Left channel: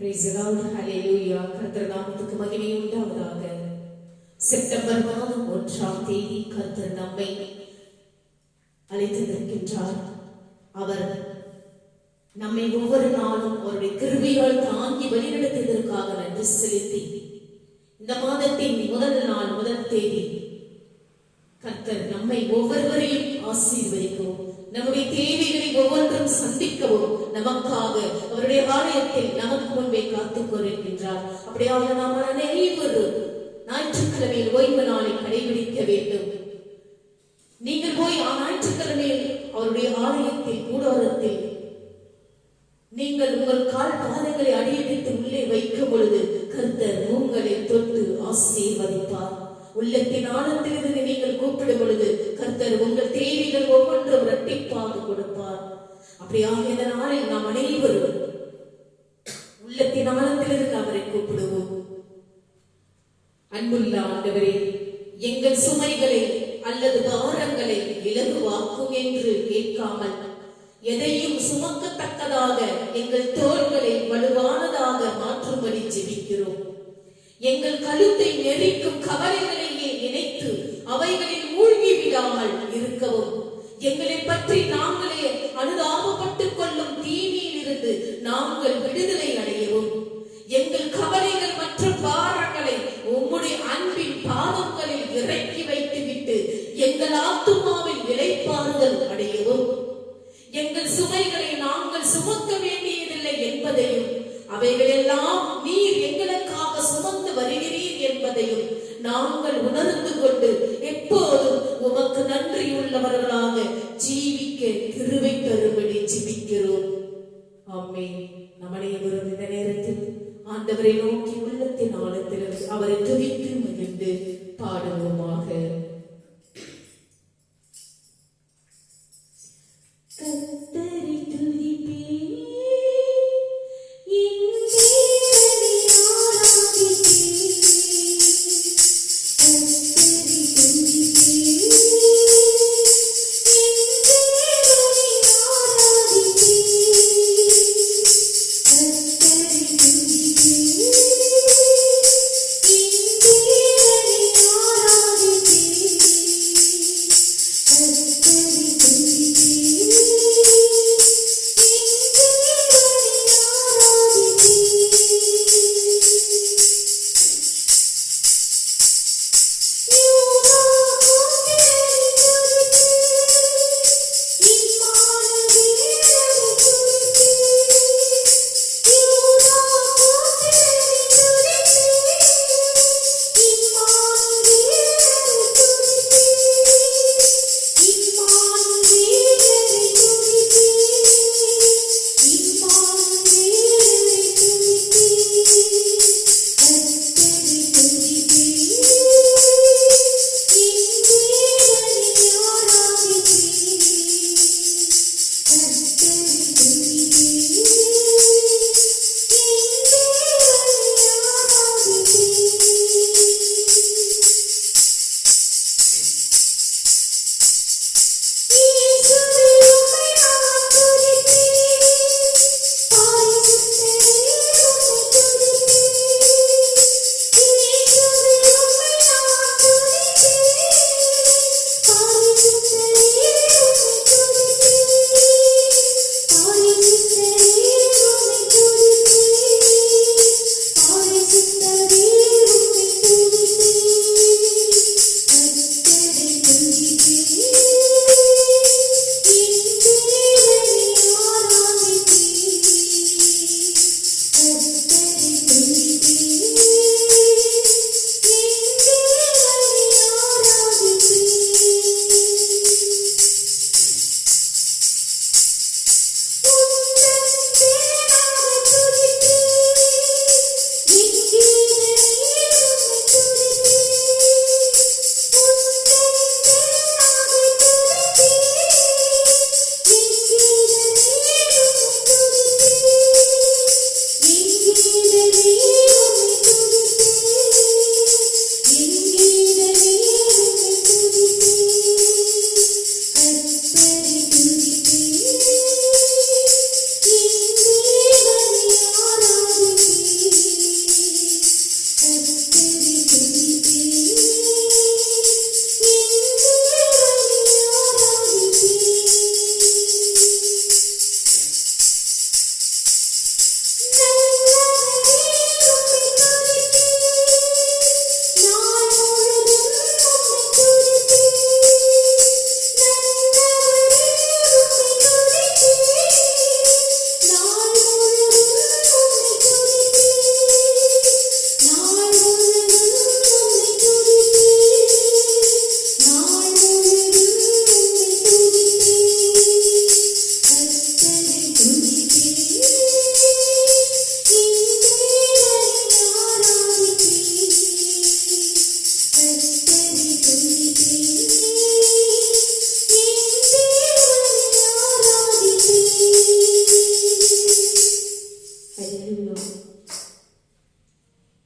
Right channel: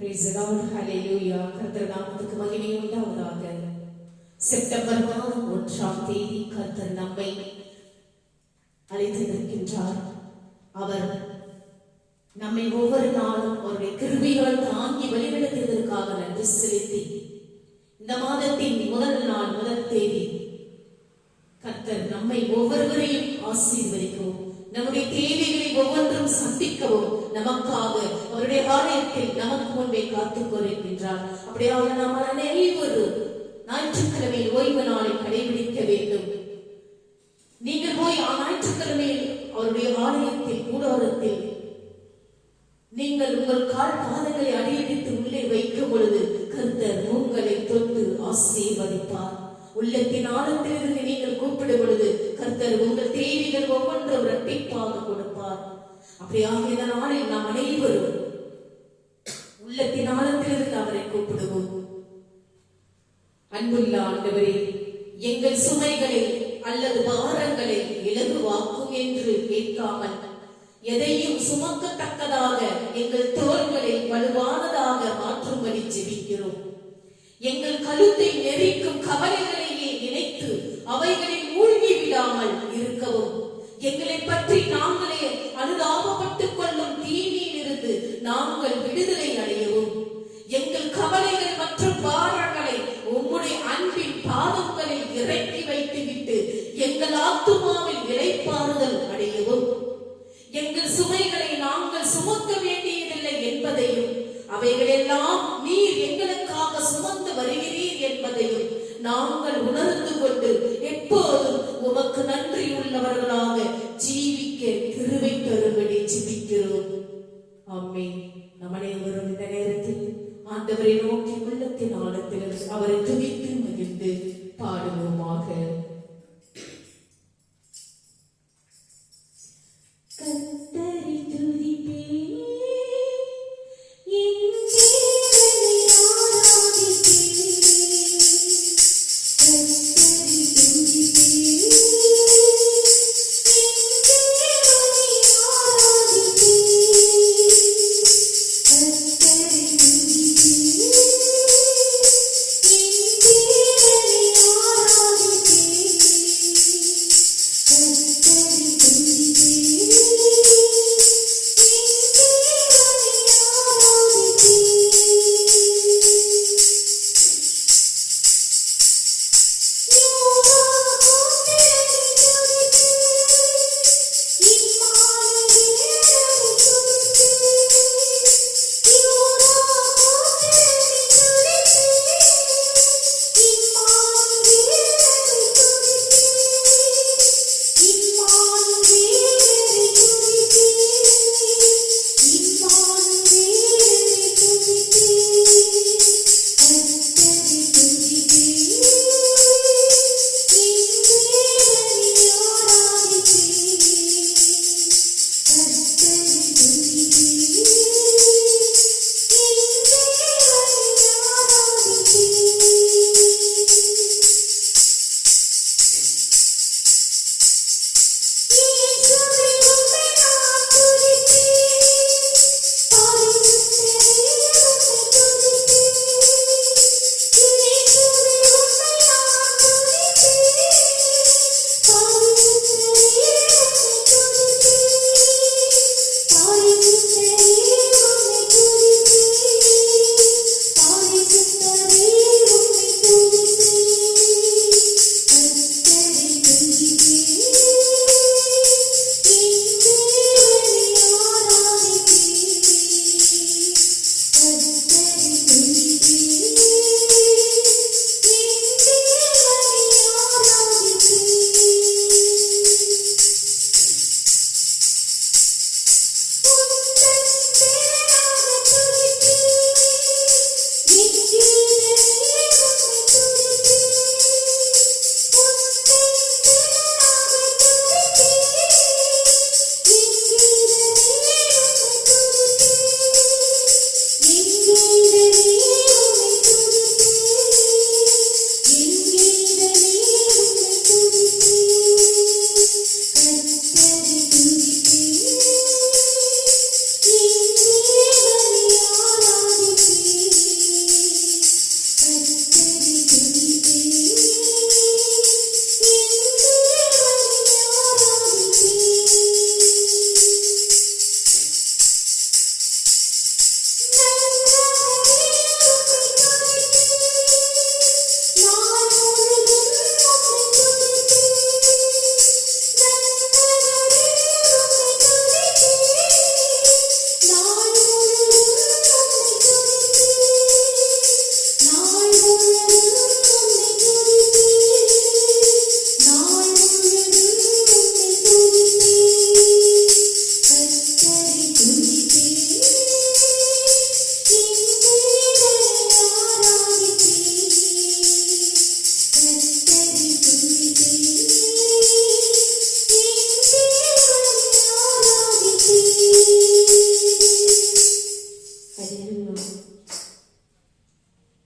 Praise the Lord. Hallelujah. கர்த்தர் நாமத்துக்கு மகிமை உண்டாவதாக. செப்டம்பர் மாதம் 1ஆம் தேதி கர்த்தர் நம்மை அழைத்திருக்கின்றார். அவர் நம்மை ஒவ்வொரு நாளும் அவருடைய கிருபையால் தாங்கி வழிநடத்தியதற்காக நன்றி செலுத்தி இந்த மாதத்தின் முதல் தேதி கர்த்தர் நம்மை ஒவ்வொருவரையும் ஆசீர்வதிக்கவும் நம்முடைய தேவைகளை ஒவ்வொன்றும் சந்திக்கவும் நமக்காக அவருடைய ஆலயத்தில் நமக்கு முன்பே காத்துக் கொண்டிருக்கின்றார். அப்படியாக நாம் அனைவரும் ஞாயிற்றுக்கிழமையில் ஓய்வு நாளை கடைபிடிக்க வேண்டும். நீங்கள் போய் ஞாயிற்றுக்கிழமையில் அவருடைய ஆலயத்தில் கூடாரத்தில் நீங்கள் உங்கள் கால் பாதங்களை அடியடித்து உள்ளே வைக்கும் பொழுது கர்த்தர் உங்களை தொட்டு ஆசீர்வதிப்பார். உள்ளத்தின் ஆழத்திலிருந்து நீங்கள் கூப்பிடும் பொழுது கர்த்தர் உங்கள் தேவைகள் ஒவ்வொன்றும் இரட்டிப்பாக கொடுப்பார். அப்படியாக இந்த நாளில் நாம் அனைவரும் உள்ளத்தின் ஆழத்திலிருந்து அவரை கூப்பிடுவோம். அன்புள்ள ஆண்டவரே, எங்கள் சுமைகளை அல்லது பாரங்களை இலகுவாக்கும் என்று கேட்காமல் எதையும் சுமக்கத்தக்கதாக எங்கள் தோள்களை வலுவானதாக மாற்றும்படி ஜெபிக்கிறோம். எங்கள் கழுத்தை நெரிக்கும் கவலைகளையே நினைத்து அவைகளில் மூழ்கி விடாமல் இருக்கவும், எங்களை பற்றி நாங்களே அனுதாபப்பட்டுக் கொள்ளும் தீமையில் இருந்து நாங்கள் விடுதலை அடையவும், எங்கள் கவலைகள் மற்றும் பாரங்களை உம்முடைய அன்பின் பாதங்களில் இறக்கி வைத்துவிட்டு எங்கள் ஆத்துமாவில் இளைப்பாறுதல் அடையவும், எங்கள் சுமைகளை நாங்கள் சுமக்க வேண்டியதில்லை என்பதையும் அவைகளெல்லாம் நீர் எங்களுக்காக சுமந்து வருகிறீர் என்பதையும் நாங்கள் உணர்ந்து கொண்டு எப்போதும் உமக்கு நன்றி உள்ளவர்களாக ஜீவிக்க கிருபை தரும்படி ஜெபிக்கிறோம். ஆமென். நம்முடைய இந்த நேரத்தில் ஆண்டவரை நோக்கி உள்ளத்தின் ஆழத்தில் அவரை துதித்து மகிழ்ந்து பாடுவோமாக. கர்த்தரை துதிப்பேன்,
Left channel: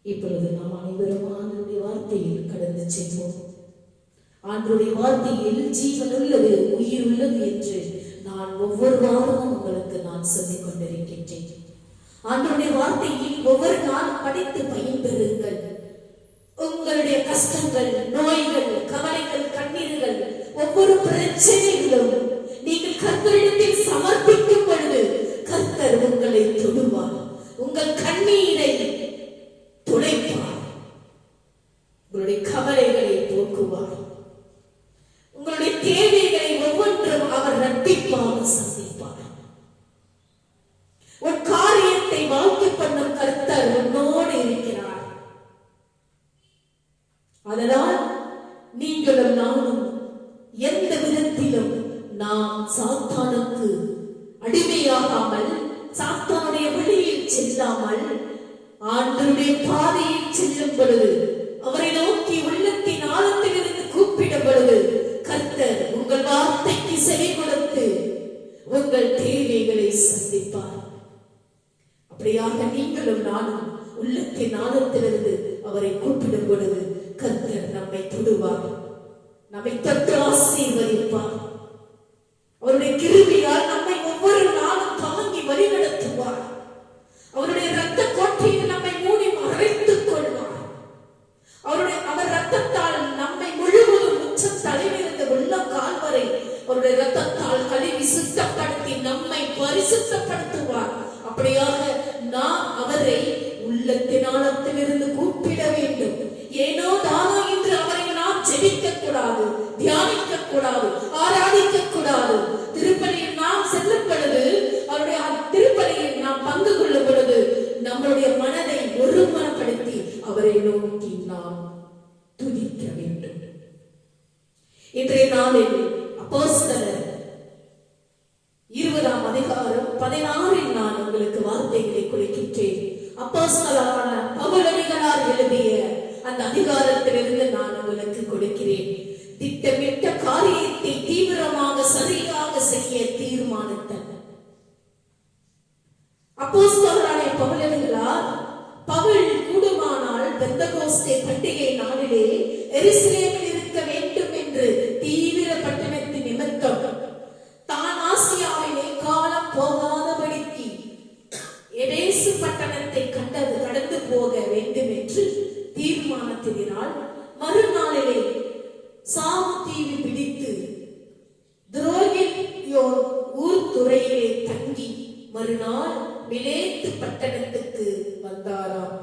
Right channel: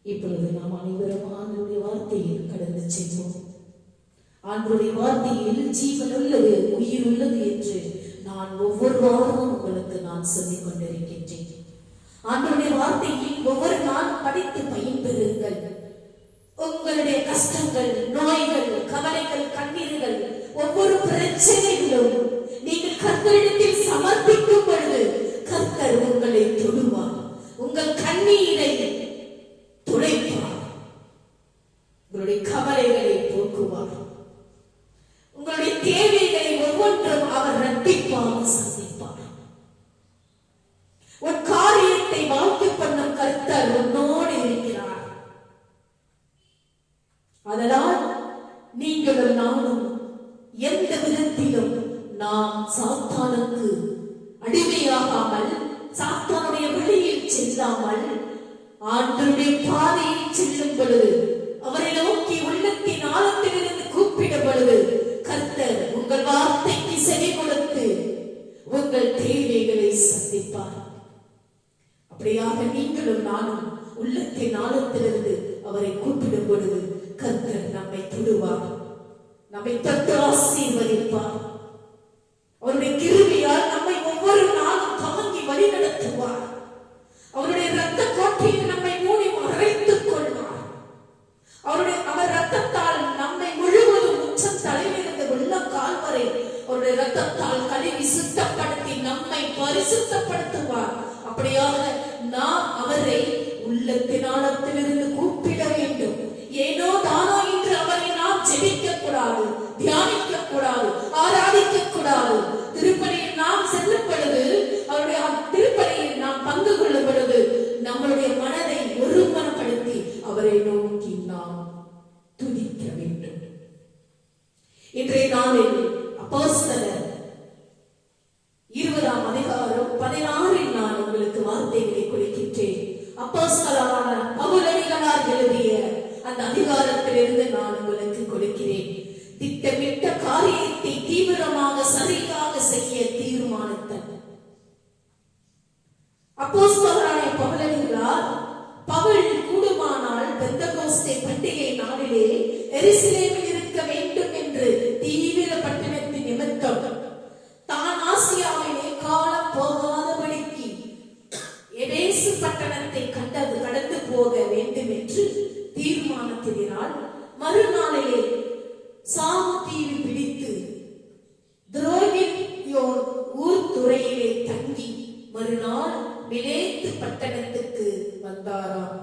இப்பொழுது நாம் அனைவரும் ஆண்டவருடைய வார்த்தையில் கடந்து செல்வோம். ஆண்டவருடைய வார்த்தையில் ஜீவன் உள்ளது, உயிர் உள்ளது என்று நான் ஒவ்வொரு வாரமும் உங்களுக்கு நான் சொல்லிக் கொண்டிருக்கின்றேன். ஆண்டவருடைய வார்த்தையில் ஒவ்வொரு நாள் படித்து பயன்பெறுங்கள். உங்களுடைய கஷ்டங்கள், நோய்கள், கவலைகள், கண்ணீர்கள், ஒவ்வொரு பிரச்சனைகளும் நீங்கள் கர்த்தரிடத்தில் சமர்ப்பிக்கும் பொழுது கர்த்தர் உங்களை தொடுவார். உங்கள் கண்ணீரை துடைப்பார். உங்களுடைய கவலைகளை போக்குவார். உங்களுடைய தேவைகளை ஒவ்வொன்றும் அவர் இரட்டிப்பாக சந்திப்பார். உன் காரியத்தை வாழ்க்கை பண்ணும் கர்த்தர் உன்னோடு இருக்கிறார். அதனால் நீங்களும் நானும் எந்த விதத்திலும் நாம் சாத்தானுக்கு அடிமையாகாமல், சாத்தானுடைய வழியில் செல்லாமல், ஆண்டவருடைய பாதையில் செல்லும் பொழுது, அவரை நோக்கி உள்ளத்தின் ஆழத்திலிருந்து கூப்பிடும் பொழுது கர்த்தர் உங்கள் வார்த்தைக்கு செவி கொடுத்து உங்கள் தேவைகளை சந்திப்பார். அப்படியாக நீங்களும் நானும் உள்ளத்தின் ஆழத்திலிருந்து அவரை கூப்பிடும் பொழுது கர்த்தர் நம்மை தொடுவார், நம்மை தொட்டு ஆசீர்வதிப்பார். அவருடைய கிருபையால் நம்மை ஒவ்வொரு நாளும் தாங்கி வழிநடத்துவார். அவருடைய இரத்த கோட்டையில் நம்மை மூடி மறைத்துக் கொள்வார். அவர் இரத்தத்தால் நம்மை முழுவதும் உச்சம் தலைவிலிருந்து உள்ளம் கால் வரை அவருடைய இரத்தத்தால் கழுவி சுத்தப்படுத்தி நம்மை பரிசுத்தப்படுத்துவார். அப்படியாக நாம் அவரை உள்ளத்தின் ஆழத்திலிருந்து கூப்பிட வேண்டும். ஏனோ தானோ என்று அவரை நாம் ஜெபிக்க கூடாது, தியானிக்க கூடாது, ஆராதிக்க கூடாது. திருப்பலியில் நாம் செல்லும் பொழுது, அவருடைய திருப்பலியில் நாம் பங்கு கொள்ளும் பொழுது நம்மளுடைய மனதை ஒருமனப்படுத்தி அவரை நோக்கி நாம் துதிக்க வேண்டும். இன்றைய நாளில் அப்போஸ்தலர் 20ஆம் அதிகாரம் 16 நான் உங்களுக்கு வார்த்தைகளை கொடுக்கின்றேன். அப்போஸ்தலரான பவுலடிகளார் எழுதிய அந்த அதிகாரத்திலிருந்து நான் உங்களுக்கு கொடுக்கிறேன். திட்டமிட்ட காரியத்தை தீவிரமாக சரியாக செய்ய தீர்மானித்தார். அப்போஸ்தலரான பவுலடிகளார், பவுல் கூடுமானால் பெந்தகோஸ்தே பண்டிகை நாளிலே எருசலேமில் இருக்க வேண்டும் என்று தீவிர பட்டணத்தின் நிமித்தம் தான் ஆசியாவிலே காலம் போகாதபடிக்கு எபேசு பட்டணத்தை கடந்து போக வேண்டும் என்று தீர்மானத்தினால் மறுநாளிலே சாமு தீவு பிடித்து துரோகியோர் ஊர் துறையிலே தங்கி மறுநாள் மிலேத்து பட்டணத்துக்கு வந்தாராம்.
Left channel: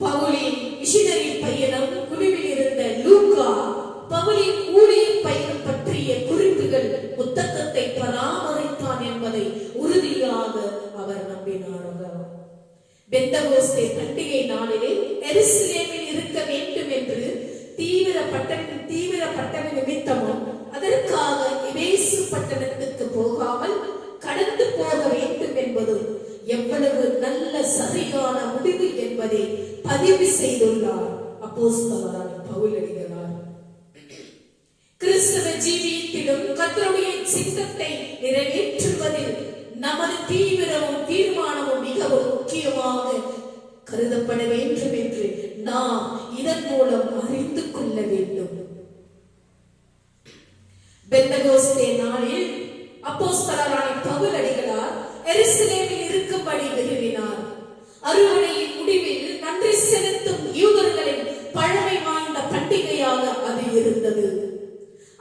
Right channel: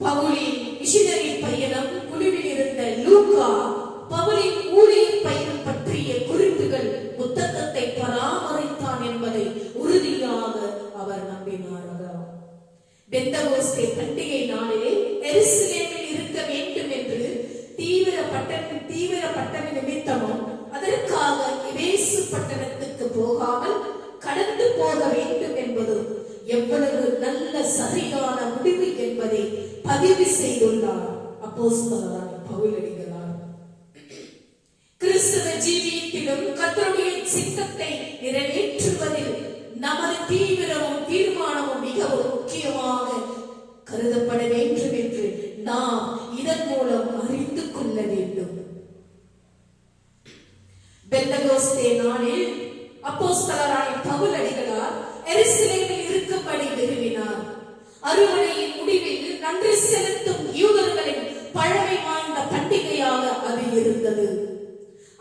பவுலின் மிஷனரி பயணம் குழுவில் இருந்த லூக்கா பவுலின் ஊழிய பயணம் பற்றிய குறிப்புகள் புத்தகத்தை பராமரித்தான் என்பதை உறுதியாக அவர் நம்பினார். பெந்தகோஸ்தே பண்டிகை நாளிலே எருசலேமில் இருக்க வேண்டும் என்று தீவிர பட்டண நிமித்தமும் அதற்காக எபேசு பட்டணத்துக்கு போகாமல் கடந்து போக வேண்டும் என்பதும் எவ்வளவு நல்ல சரியான முடிவு என்பதை பதிவு செய்துள்ளார் அப்போஸ்தலரான பவுலடிகளார். கிறிஸ்தவ ஜீவியத்திலும் கர்த்தருடைய சித்தத்தை நிறைவேற்றுவதில் நமது தீவிரமும் தீர்மானமும் மிகவும் முக்கியமாக கருதப்பட வேண்டும் என்று நாம் இதன் மூலம் அறிந்து கொள்ள வேண்டும். பெந்தகோஸ்தே நாளில் அப்போஸ்தலரான பவுலடிகளார் எருசலேமில் இருக்கும்படி விரும்பினார். அறுவடையின் முடிவில் நன்றி செலுத்தும் யூதர்களின் பழமை வாய்ந்த பண்டிகையாக அது இருந்தது.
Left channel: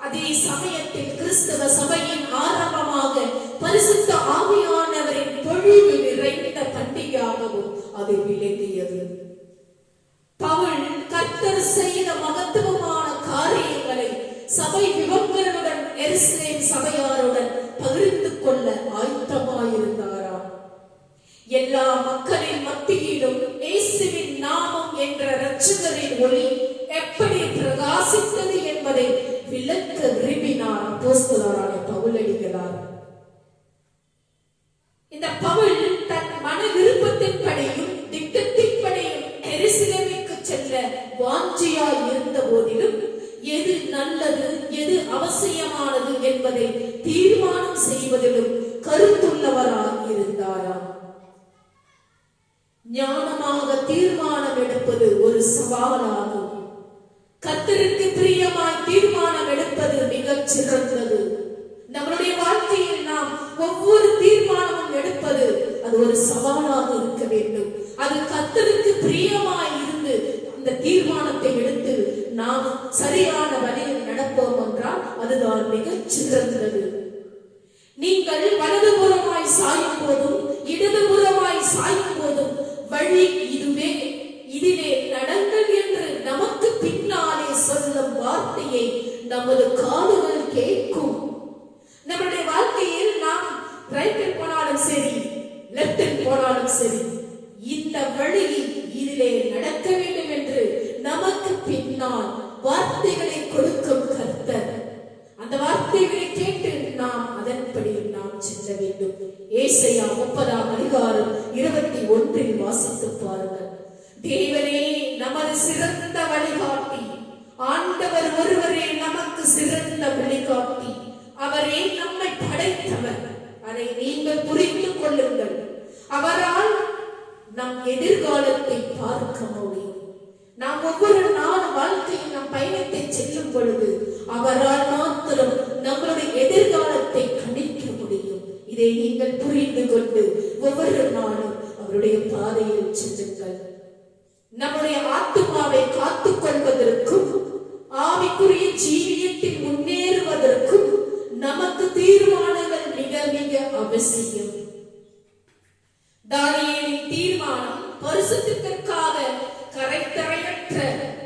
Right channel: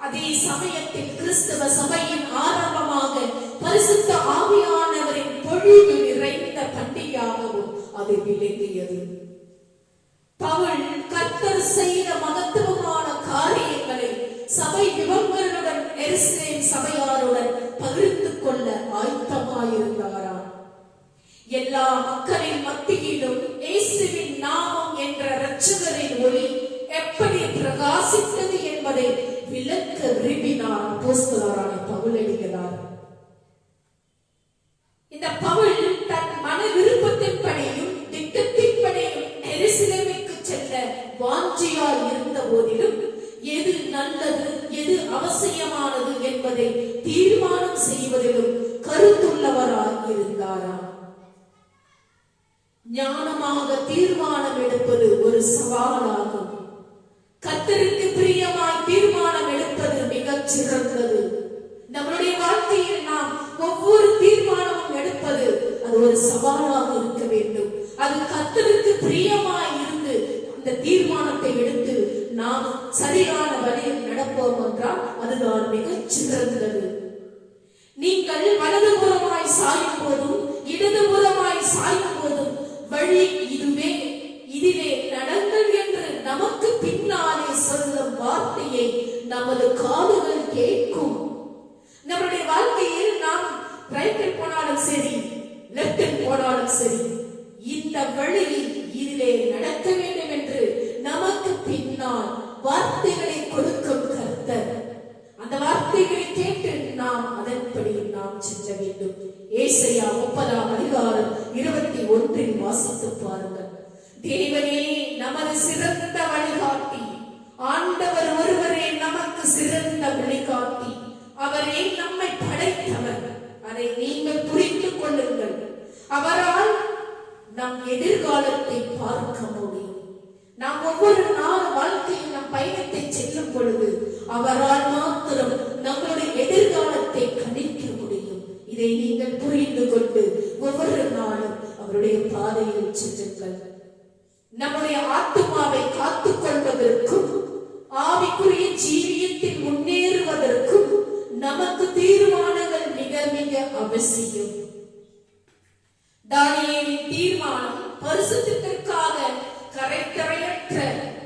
அதே சமயத்தில் கிறிஸ்தவ சபையின் ஆரம்பமாக பரிசுத்த ஆவியானவரின் பொழிவு நிறைந்த பண்டிகையாகவும் அது விளங்கியது. பவுல் கர்த்தர் செய்த மகத்துவமான காரியங்களை சபை விவங்களுடன் எருசலேம் சபையாருடன் பகிர்ந்து கொள்ள ஆயத்தமாயிருந்தாராம். எல்லா மக்களின் மத்தியிலும் இயேசுவின் நாமம் என்ற இரட்சகரின் ஒளி எப்படி பிரகாசித்தது என்பதை விளக்க விரும்பினார் அப்போஸ்தலரான பவுலடிகளார். இந்த பவுல் தன் மன விருப்பத்தின்படியும் திட்டத்தின்படியும் எருசலேமுக்கு செல்ல வாஞ்சியாய் இருந்த போதிலும் எது நல்லது, எது அவசியமானது என்பதை தீர்மானம் செய்வதிலும் கருத்துள்ளவராய் ஞானமாக தீர்மானம் எடுப்பது ஒரு சவாலாகும். கர்த்தருக்கு பிரியமாய் தீர்மானம் எடுப்பது மிகச் சிறந்தது. நம்முடைய வாழ்க்கையில் நாம் ஒவ்வொரு தீர்மானமும் எடுப்பது அது ஒரு சவாலாக இருக்க வேண்டும். அது கர்த்தருக்கு பிரியமாய் இருந்து அந்த தீர்மானத்தை எடுத்து நாம் சரியான வழியில் நடப்போம் என்றால் அதுதான் மிகச் சிறந்தது. நீங்கள் வலதுபுறமாய் சாயும் போதும் இடதுபுறமாய் சாயும் போதும் வழி இதுவே, இதிலே நடங்கள் என்று நமக்கு பின்னாலே சொல்லும் வார்த்தையை நமது காதுகள் கேட்கும். நம்முடைய வாழ்க்கையில் நாம் ரைட்டில் போனாலும் சரி, லெப்டில் போனாலும் சரி, இந்த வழி இதிலே நடக்க வேண்டும் என்று நமக்கு பின்னால் வார்த்தைகளை கொடுக்கும் கர்த்தர். அந்த வார்த்தைகளை கேட்டு நாம் அதன்படி நாம் செல்ல வேண்டும். ஏசாயா 30:21 வாசித்து பாருங்கள். தேவனே நமது சிறந்த வழிகாட்டி, ஆண்டவர் ஒருவரே நமக்கு சிறந்த வழிகாட்டி. அவரே நம்மை படைத்தவர். அதை நீங்கள் புரிந்து கொள்ளுங்கள். அவரால் நம் எதிர்காலத்தை பார்க்க முடியும். நாம் ஒவ்வொரு நாள் வாழ்க்கையில் நம் பயணத்தை செல்லும் பொழுது அவரால் மாத்திரம் நம்மளுடைய எதிர்காலத்தை கணிக்க முடியும். இதை நீங்கள் புரிந்து கொண்டு ஒவ்வொரு நாளும் அவருடைய பாதையில் செல்லுங்கள். நம்முடைய ஆத்துமாவை காத்துக் கொள்வதற்கும் ஆவிக்குரிய ஜீவியத்தில் முன்னேறுவதற்கும் நமக்கு தீர்மானங்கள் மிக மிக அவசியம். தானியேலின் தீர்மானம் பரிசுத்தத்திற்காக, கரையற்ற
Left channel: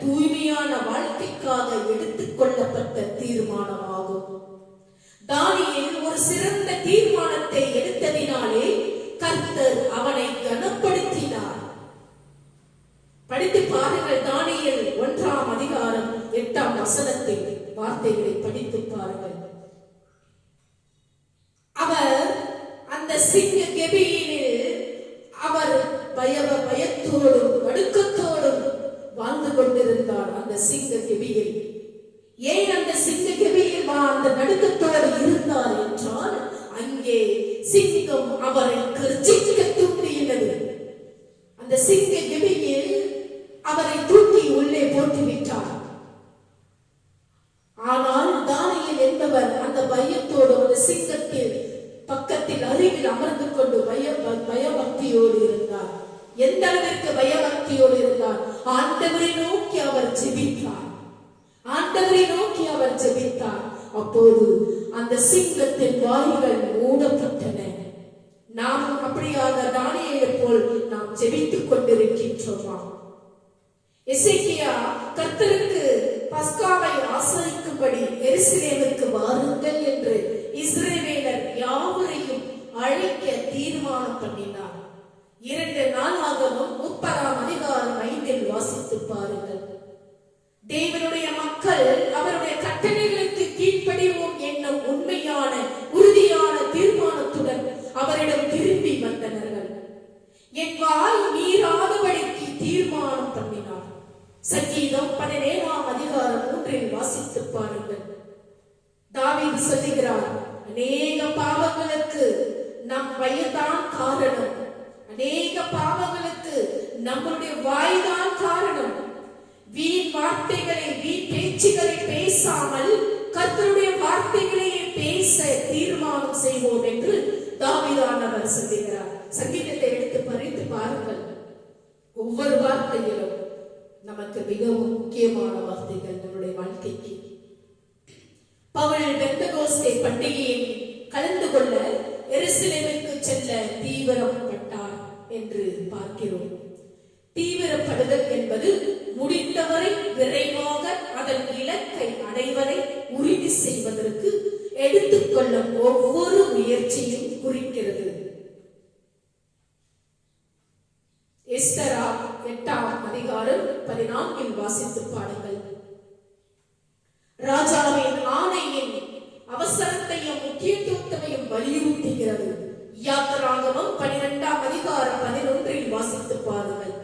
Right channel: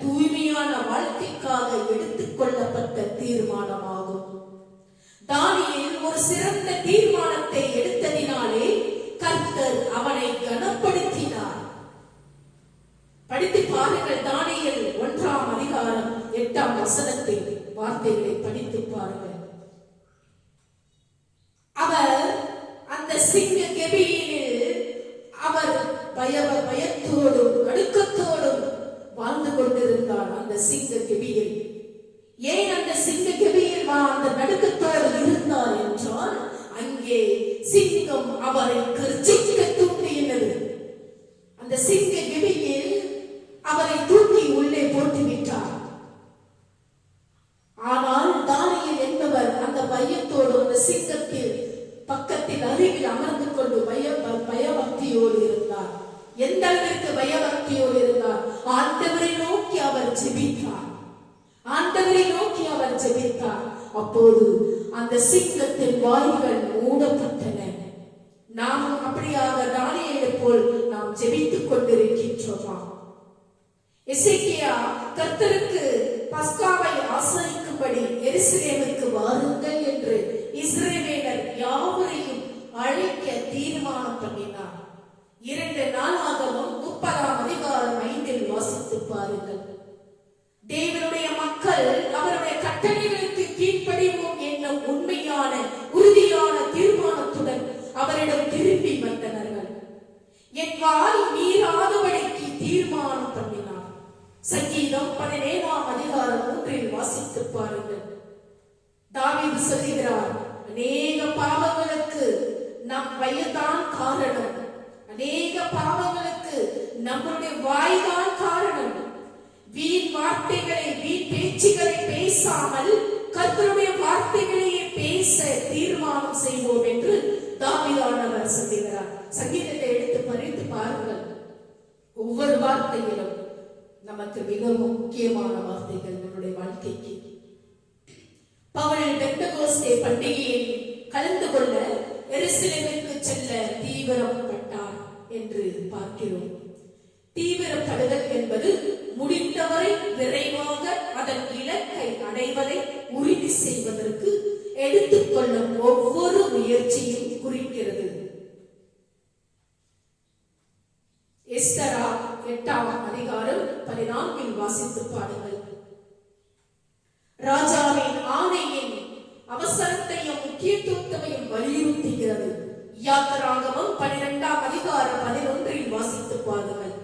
தூய்மையான வாழ்க்கைக்காக எடுத்துக் கொள்ளப்பட்ட தீர்மானமாகும். தானியேல் ஒரு சிறந்த தீர்மானத்தை எடுத்ததினாலே கர்த்தர் அவனை கனப்படுத்தினார். படித்து பாருங்கள். தானியேல் 1:8 வார்த்தைகளை படித்து பாருங்கள். அவர் அந்த சிங்க கெபியில் அவர் பயத்தோடும் நடுக்கத்தோடும் வாழ்ந்து கொண்டிருந்தார். அந்த சிங்க கெபியில் ஏன் அந்த சிங்க கெபியில் அந்த நடுக்கத்தோடு இருந்தார் என்றால், அங்கே சிங்கம் அவரை கர்ஜிக்க தூண்டியது. அந்த சிங்க கெபியில் அவரை தூக்கி உள்ளே போட்டுவிட்டார். ஆனால் தானியேல் என்பவர் அந்த பயத்தோடு அந்த சிங்கத்தில் பக்கத்தில் அருகில் அமர்ந்து கொண்டு பயபக்தியோடு இருந்தார். எந்த அளவிற்கு பயபக்தியோடு இருந்தார்? ஆண்டவரை நோக்கி அவர் ஜெபித்தார். ஆண்டவரை நோக்கி அவர் ஜெபித்தார். அப்போது அந்த சிங்கத்தின் வாய்கள் மூடப்பட்டன. நாம் அப்படியாக தானியேலை போல் நாம் ஜெபித்துக் கொண்டிருக்கின்றோமா? எசேக்கியா கர்த்தருக்கு பஸ்காவை ஆசரிக்கும்படி எருசலேமுக்கு வாருங்கள் என்று இஸ்ரவேலர் யாவரையும் அழைக்க தீர்மானம் பண்ணினார். 2 நாளாகவும் 30:5 வாசித்து பாருங்கள். தேவனுடைய மக்கள் அவருடைய கட்டளைகளுக்கு கீழ்ப்படிவோம் என்னும் உண்மையான உறுதியான தீர்மானத்துடன் அவரிடம் திரும்பி வந்தனர்கள். என் வாய் மீறாதபடிக்கு தீர்மானம் பண்ணினார். சங்கீதம் 17:3 வாசித்து பாருங்கள். தாவீது சொல்லுகிறார், அநேக பாவங்களுக்கு நம் வயதான் காரணம், அநேக பாவங்களுக்கு நம்முடைய வாய்தான் காரணம். வீண் வார்த்தைகளை, வீண் பேச்சுகளை பேசாமல் கர்த்தருடைய வார்த்தைகளையே பேச தீர்மானம் செய்வோம் என்று தாவீதானவர் சொல்லுகிறார். சங்கீதத்தை எடுத்து படித்து பாருங்கள். ஒவ்வொரு வார்த்தையிலும் நமக்கு மிகவும் முக்கியமான வார்த்தைகள் நம்முடைய வாழ்க்கைக்கு. பவுல் பெந்தகோஸ்தே பண்டிகையில் கலந்து கொள்ள எருசலேமுக்கு செல்ல தீவிரப்பட்டார் என்று பார்க்கிறோம். தீவிரப்படுதல் என்பது முடிந்தவரை விரைவாக அதன் இலக்கை அடைவதை உறுதி செய்வதற்கு எடுத்துக்கொள்ளும் ஒவ்வொரு முயற்சியும் குறிக்கிறது. எஸ்தரா 8:14 வாசித்து பாடுங்கள். ராஜாவின் ஆணையின் அவசரத்தையும் முக்கியத்துவத்தையும் வலியுறுத்துகிறது. யாத்திராகமம் 12:11 வாசித்து பாருங்கள்.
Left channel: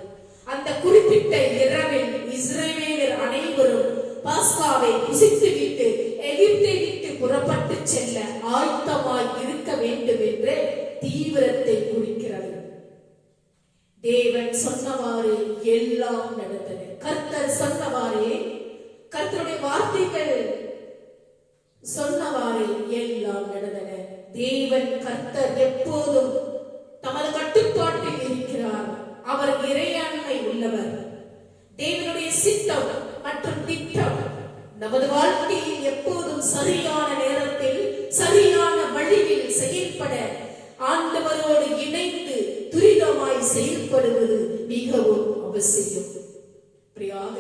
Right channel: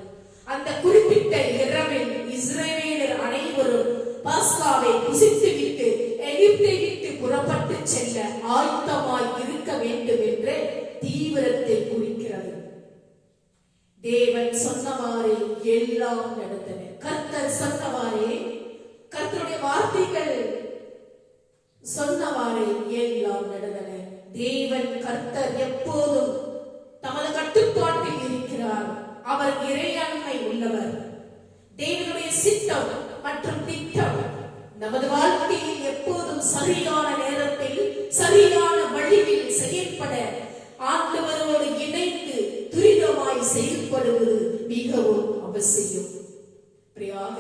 அந்த குறிப்பிட்ட இரவில் இஸ்ரவேலர் அனைவரும் பாஸ்காவை புசித்துவிட்டு எகிப்தை விட்டு புறப்பட்டு செல்ல ஆயத்தமாய் இருக்க வேண்டும் என்ற தீவிரத்தை குறிக்கிறது. தேவன் சொன்னவாறு எல்லாம் நடந்தன. கர்த்தர் சொன்னவாறே, கர்த்தருடைய வார்த்தைகள் சொன்னவாறு எல்லாம் நடந்தன. தேவன் கர்த்தர் எப்போதும் தமது கட்டுப்பாட்டில் இருக்கிறார். அவர் இறையாண்மை உள்ளவர். தேவனுடைய சித்தம் மற்றும் திட்டம் நமது வாழ்க்கையில் எப்போதும் சரியான நேரத்தில் சரியான வழியில் செயல்பட ஆண்டவரோடு இணைந்து துரிதமாய் செயல்படுவது மிகவும் அவசியம். அப்படியாக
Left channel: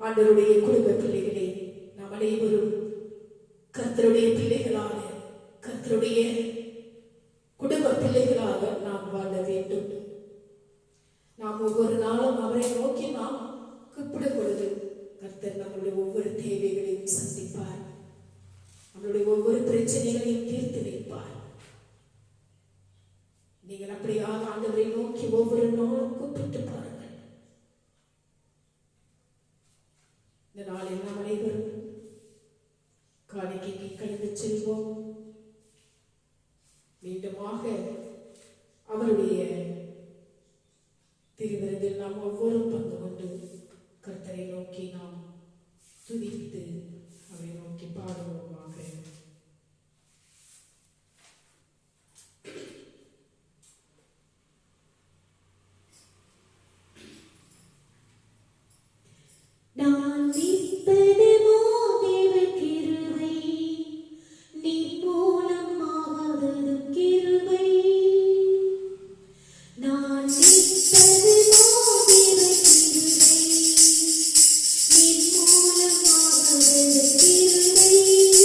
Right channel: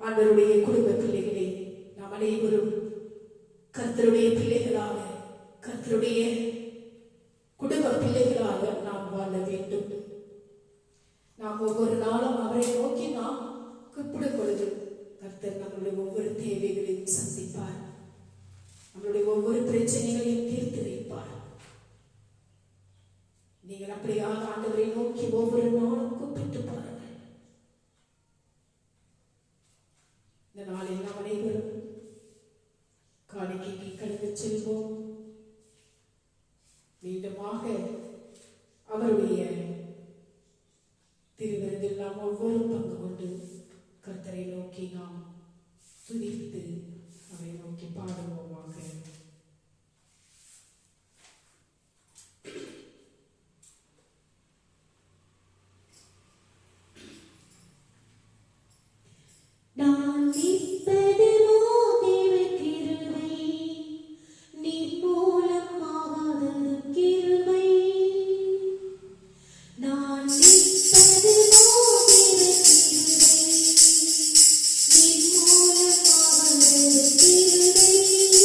ஆண்டவருடைய குடும்ப பிள்ளைகளே, நாம் அனைவரும் கர்த்தருடைய பிள்ளைகளாக, கர்த்தருடைய குடும்ப பிள்ளைகளாக நாம் வாழ வேண்டும். நாம் ஒவ்வொரு நாளும் அவரை நோக்கி நாம் கூப்பிடும் பொழுது கர்த்தர் நம்முடைய ஒவ்வொரு தேவைகளையும் சந்திப்பார். நம்மளுடைய ஒவ்வொரு பிரச்சனைகளையும் தீர்த்து வைப்பார். நீங்கள் அப்படியாக ஆண்டவரை நோக்கி ஒவ்வொரு நாளும் கூப்பிட்டு பாருங்கள். இந்த நாளில் நாம் அனைவரும் காணிக்கைக்கு கடந்து செல்வோம். மீண்டுமாக அவருடைய திருவிருந்தில் நாம் ஒவ்வொரு பங்கு கொண்டு கர்த்தரை நோக்கி நாம் துதித்து அவரை நோக்கி பாடுவோமாக. நான் நிற்பது மோதிர கிருபை, நீ மூலமாவதது கிருபை. நான் நிற்பது மோதிர கிருபை, நீ மூலமாவதது கிருபை.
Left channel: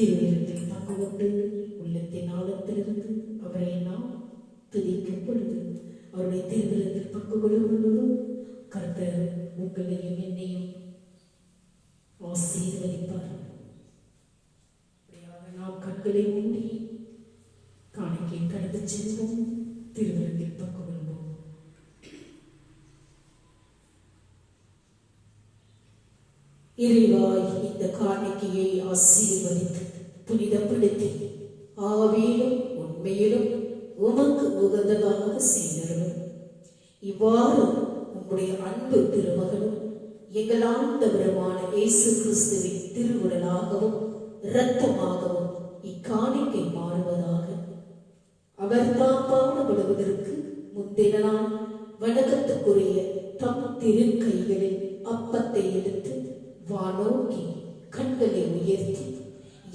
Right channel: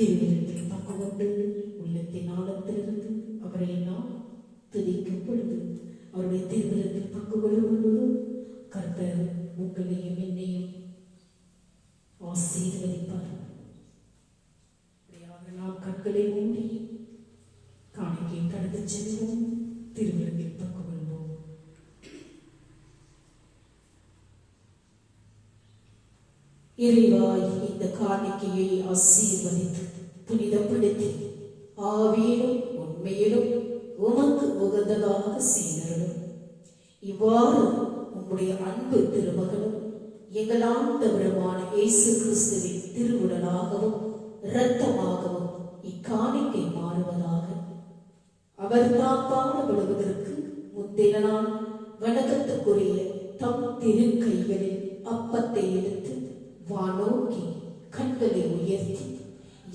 திருவிழத்தில் பங்கு கொண்டு உள்ளத்தின் ஆழத்திலிருந்து அவரை நாம் துதிக்கும் பொழுது அவருடைய திருவிழத்தில் பங்கு கொள்ளும் பொழுது கர்த்தர் உங்களையும் என்னையும் ஆசீர்வதிப்பார். அப்படியாக நாம் கண்களை மூடி காணிக்கை கடந்து செல்வோம். திருவிழத்தில் பங்கு கொள்வோம். இறைவாய் இந்த காணிக்கையை ஆசீர்வதித்து புனிதப்படுத்தி ஆவியிலும் உண்மையிலும் உமக்கு உகந்ததாக செய்தரும். இவ்வாறு உம்முடைய அன்பு திருமகனும் எங்கள் ஆண்டவருமான இயேசு கிறிஸ்துவின் திருவுடலாகவும் இரத்தமாகவும் இக்காணிக்கை மாறுவதாக. அவர் தாம் பாடுபடுவதற்கு முந்தின நாள் வணக்கத்துக்குரிய தம் திருக்கைகளில் அப்பத்தை எடுத்து வானோக்கி கண்களை உயர்த்தி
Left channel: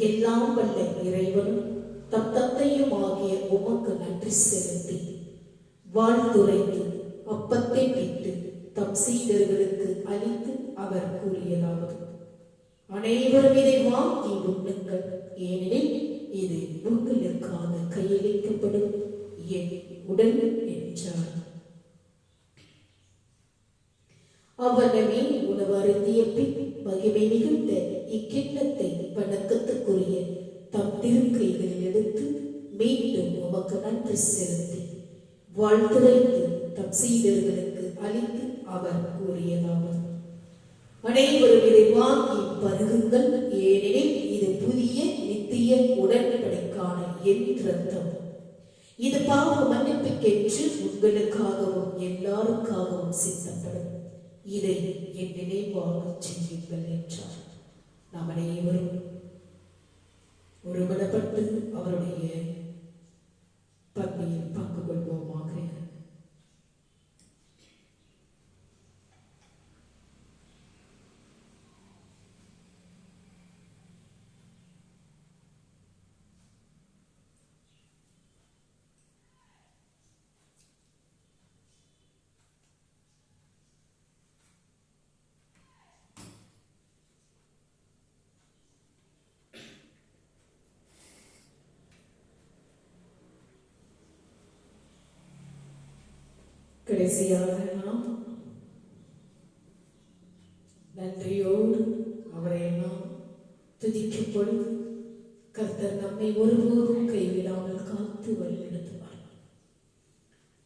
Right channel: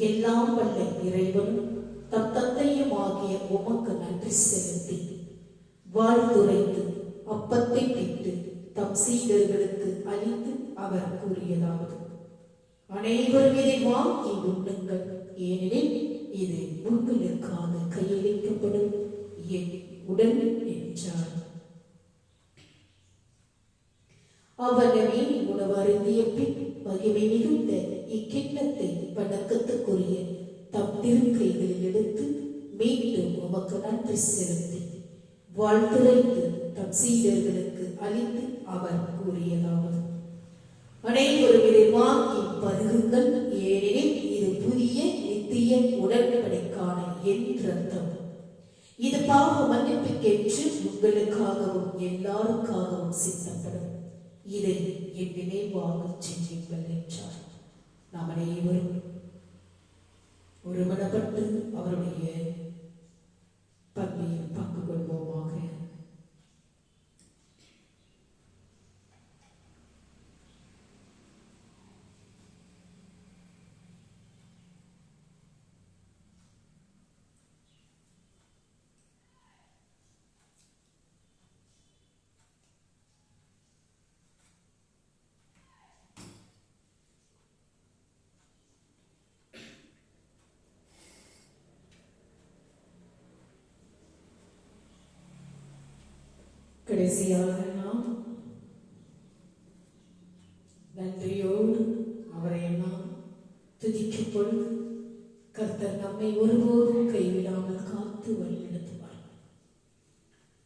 எல்லாம் வல்ல இறைவனும் தம் தந்தையும் ஆகிய உமக்கு நன்றி செலுத்தி வாழ்த்துரைத்து அப்பத்தை விட்டு தம் சீடர்களுக்கு அளித்து அவர் கூறியதாவது: அனைவரும் இதை வாங்கி உண்ணுங்கள், ஏனெனில் இது உங்களுக்காக கையளிக்கப்படும் என் உடல் என்றார். அவனவே உணவு அருந்திய பின் மகிமை மிகுந்த இக்கிண்ணத்தை வணக்கத்துக்குரிய தம் திருக்கைகளில் எடுத்து மீண்டும் உமக்கு நன்றி செலுத்தி வாழ்த்துரைத்து தம் சீடர்களுக்கு அளித்து அவர் கூறியதாவது: அனைவரும் இதை வாங்கி பருகுங்கள், ஏனெனில் இது புதிய நித்திய உடன்படிக்கான என் இரத்தம். இது பாவ மன்னிப்புக்கென்று உங்களுக்காகவும் எல்லாருக்காகவும் சித்தப்படும். இதை என் நினைவாக செய்யுங்கள் என்றார். நாம் அனைவரும் ஒருமனப்பட்டு அவருடைய பங்கில் பங்கு கொள்வோமாக. கடைசியாக நாம் நன்றியோடு அவரை நாம் துதிக்கும் பொழுது கர்த்தர் நம்மை ஒருபோதும் கைவிடாமல் காத்து வழிநடத்துவார்.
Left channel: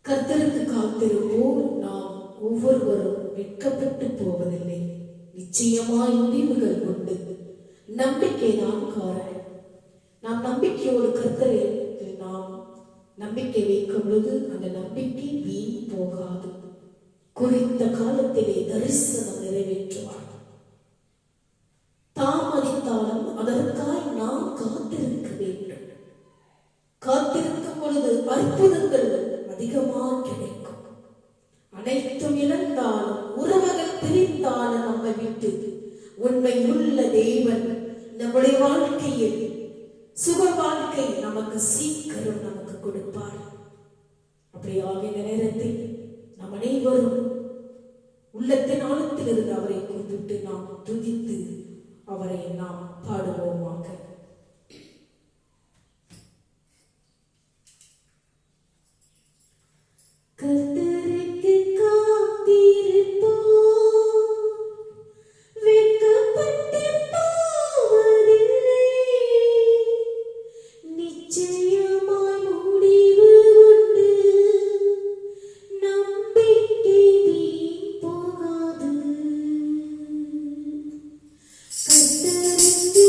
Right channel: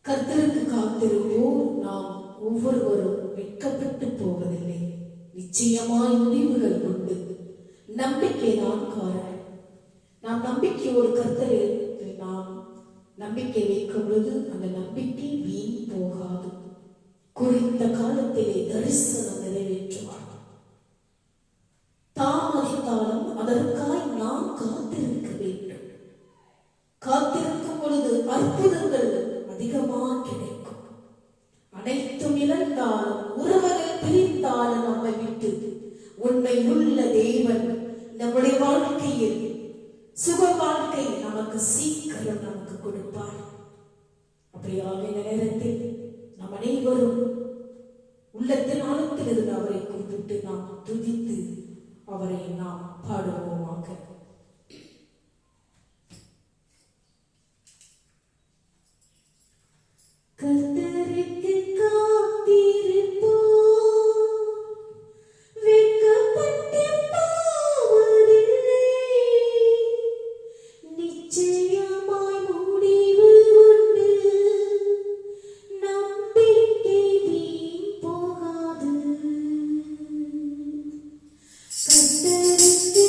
கர்த்தருக்கு காத்திருப்போர் நாம் ஒவ்வொருவரும் வெட்கப்பட்டு போவதில்லை. நிச்சயமாய் முடிவுகள் உண்டு. நம்பிக்கைதான் காரணம். நாம் நம்பிக்கையோடு கர்த்தரில் நாம் நம்பிக்கை வைக்கும் பொழுது அந்த நம்பிக்கை வீண் போகாது. குறித்த காலத்திலே தரிசனம் நிறைவேற்றுவார். தாமதித்தாலும் அதற்காக நாம் காத்திருக்க வேண்டும். காத்திருக்கும் பொழுது அற்புதங்கள் அதிகமாக கிடைக்கும். அனைத்தும் இழந்தாலும் உறவுகள் பிரிந்தாலும் நம்மை விட்டு உண்மை உள்ள தேவன் நம்முடைய வாழ்க்கையில் சுக வாழ்க்கை நமக்கு சீக்கிரம் நமக்கு கொடுப்பார். அப்படியாக இந்த நேரத்தில் நாம் அனைவரும் உள்ளத்தின் ஆழத்தில் இருந்து அவரை கூப்பிட்டு நாம் துதித்து அவரை நாம் பாடுவோமாக. கர்த்தருக்கு காத்திருப்போம், வெட்கப்பட்டு போவதில்லை. நிச்சயமாய் முடிவு உண்டு, நம்பிக்கை வீண் போகாது. கர்த்தருக்கு